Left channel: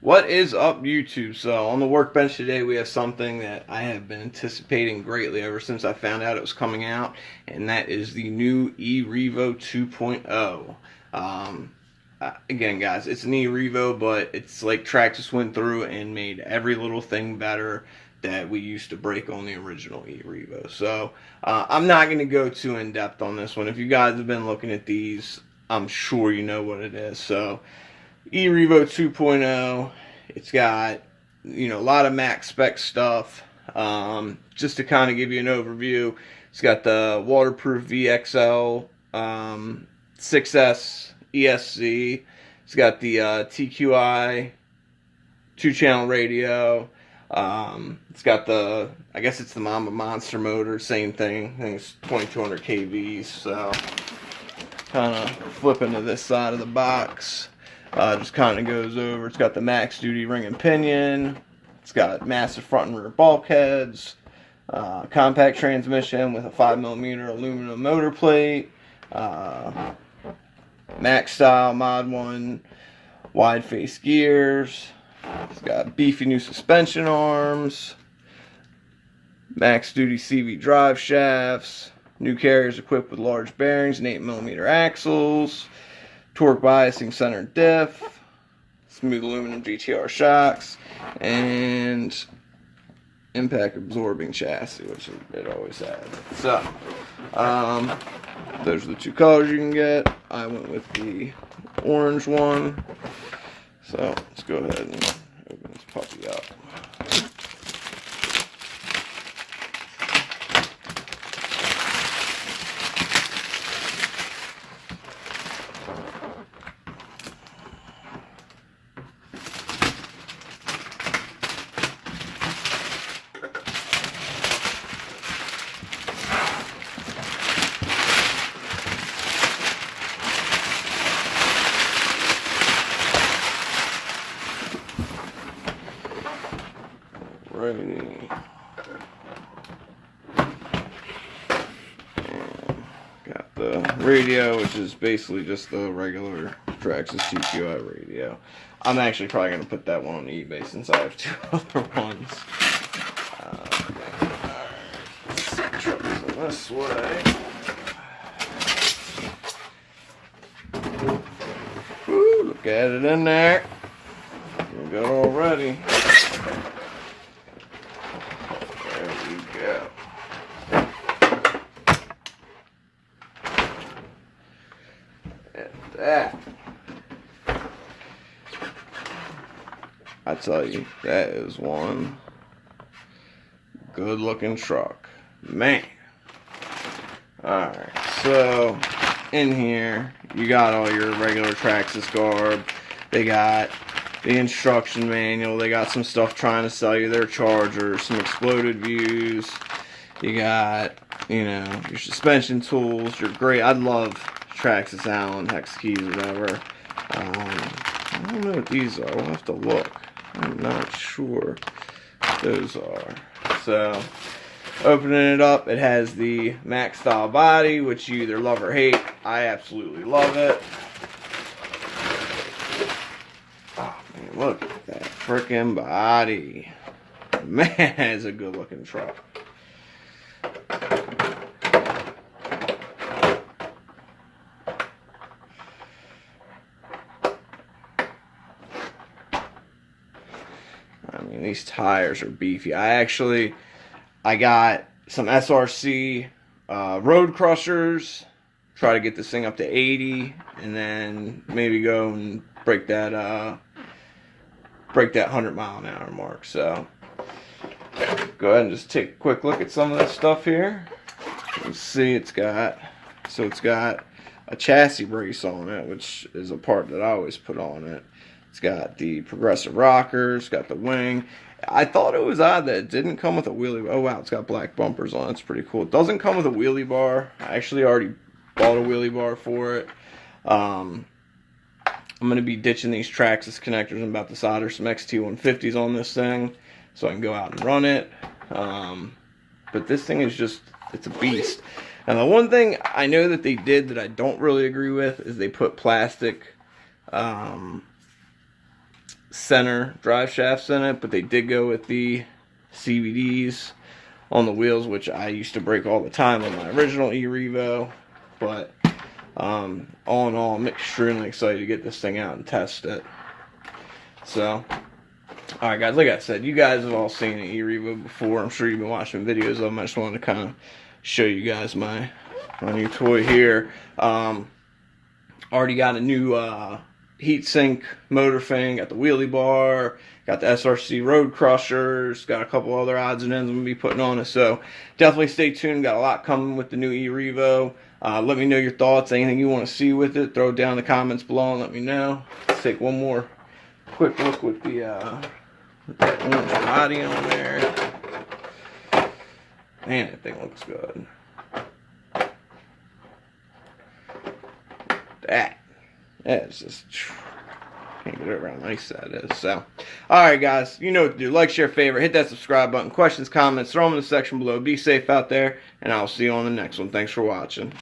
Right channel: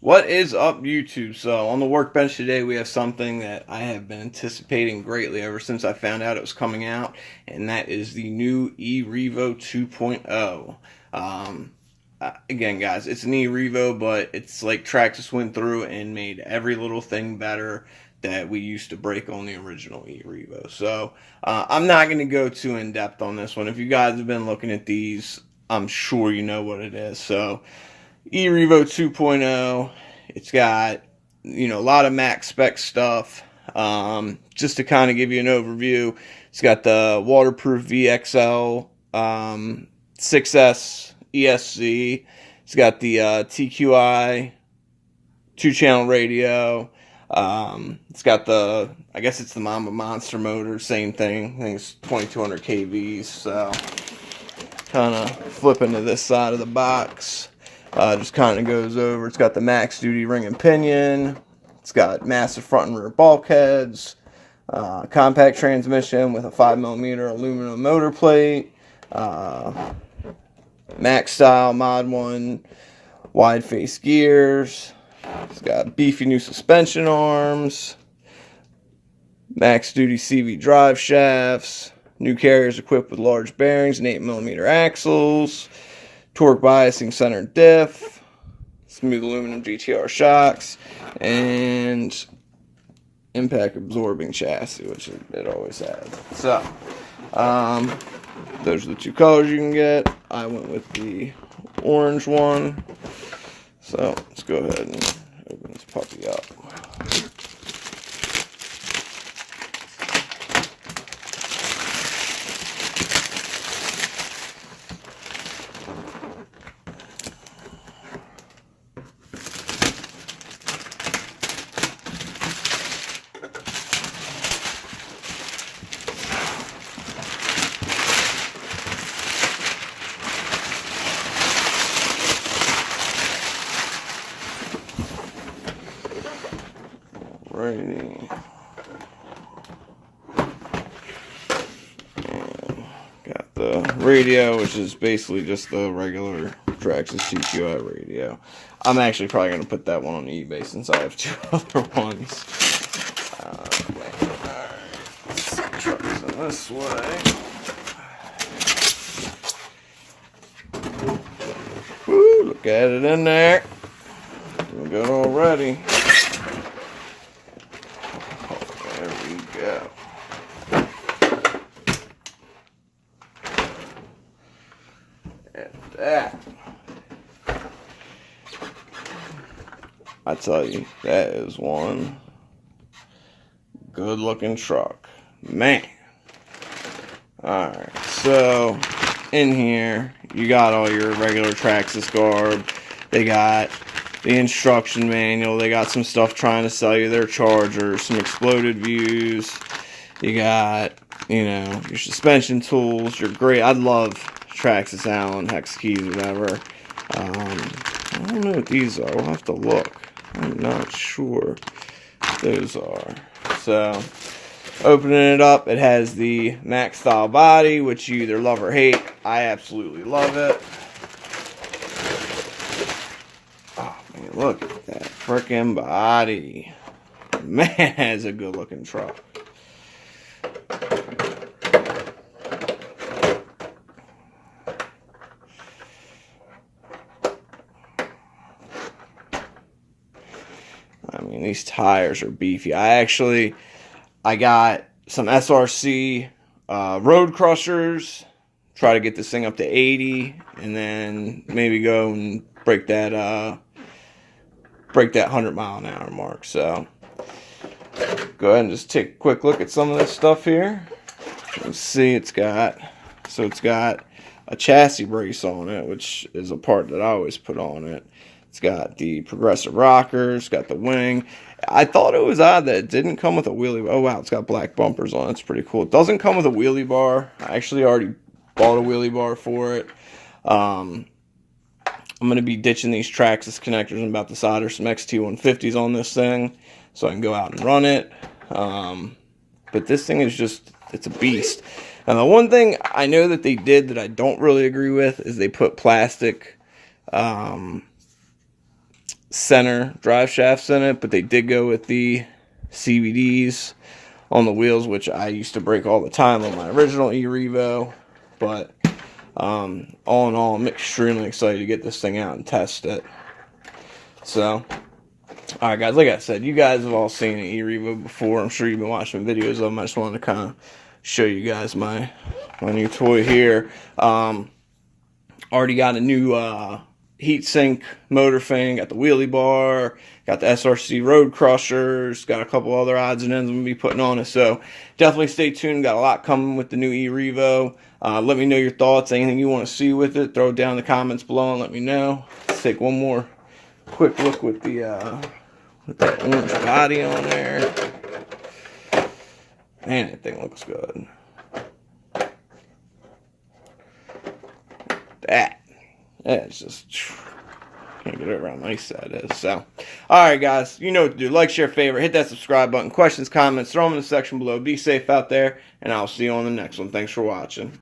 What is up, YouTube? So, on the workbench today, we have something that I have been anticipating greatly ever since I found out it was coming out, and that is the new EREVO 2.0. Again, guys, it's an EREVO, but it's like Traxxas went through and made every little thing better that we used to break on the original EREVO. So, I'm not going to go too in depth on this one. If you guys have been looking at these, I'm sure you know what it is. So, EREVO 2.0, it's got, a lot of max spec stuff. Just to kind of give you an overview, it's got the waterproof VXL 6S ESC. It's got the TQI 2-channel radio. It's got the, I guess it's the Mama Monster motor, same thing. I think it's 2200 kVs. So, kind of flipping to this side of the box. Just kind of goes over. It's got the max duty ring and pinion. It's got massive front and rear bulkheads. Compact transmission with a 5mm aluminum motor plate. Max style Mod 1 wide face gears. It's got beefy new suspension arms. Max duty CV drive shafts. New carriers equipped with large bearings and 8mm axles. Torque biasing center diff, smooth aluminum GTR shocks, and impact absorbing chassis, which it always has. So, those are the two colors you can get. I went with the orange one. So, let's go ahead and open this puppy up. Ready. And got the radio, which is basically just the regular Traxxas TQI radio. I'm actually probably going to put that one on eBay since I have two other ones. Let's try this way. Woo, look at it in there. We're good already. Yeah. And that, I tell you, that is one good looking truck, man. Alright, so in here you got all your regular Traxxas garb. They got the instruction manual. They got some stuff trying to sell you their chargers, some exploded views. You got, your suspension tools. You're great. I love Traxxas Allen hex keys or whatever. I don't know what these are. We'll have to look. I'm not sure what those are. So, opening it up, it has the Max style body, which you either love or hate. I absolutely love it. Look at that frickin' body. Man, it's a good looking truck. I mean, these tires are beefy. I got some SRC road crushers. Try to get this thing up to 80, and then maybe go and break that 100-mile-an-hour mark. So go ahead and just take a quick look at some of this stuff here. You can see it's got a chassis brace on it, which is a part that I always put on it. It's got the progressive rockers, got the wing. I thought it was odd that it didn't come with a wheelie. Oh wow, it's got black bumpers on it. It's pretty cool. It doesn't come with a wheelie bar. I actually already bought a wheelie bar for it. I'm going to be ditching these Traxxas connectors. I'm about to solder some XT150s on this thing so I can go out and run it. But this thing is just, it's a beast. Now, the one thing I know that they did that I don't really agree with is they put plastic center drive shafts in it, but they did go with the CVDs on the wheels, which I used to break all the time on my original EREVO. But all in all, I'm extremely excited to get this thing out and test it. So, alright guys, like I said, you guys have all seen an EREVO before. I'm sure you've been watching videos of them. I just wanted to kind of show you guys my new toy here. Already got a new heatsink motor thing, got the wheelie bar, got the SRC road crushers, got a couple other odds and ends I'm going to be putting on it. So definitely stay tuned. Got a lot coming with the new EREVO. Let me know your thoughts, anything you want to see with it. Throw it down in the comments below and let me know. Let's take one more quick look with the orange body on there. Man, that thing looks good. That's just, can't get it around how nice that is. So, alright guys, you know what to do. Like, share, favorite, hit that subscribe button. Questions, comments, throw them in the section below. Be safe out there, and I'll see you on the next one. Thanks for watching.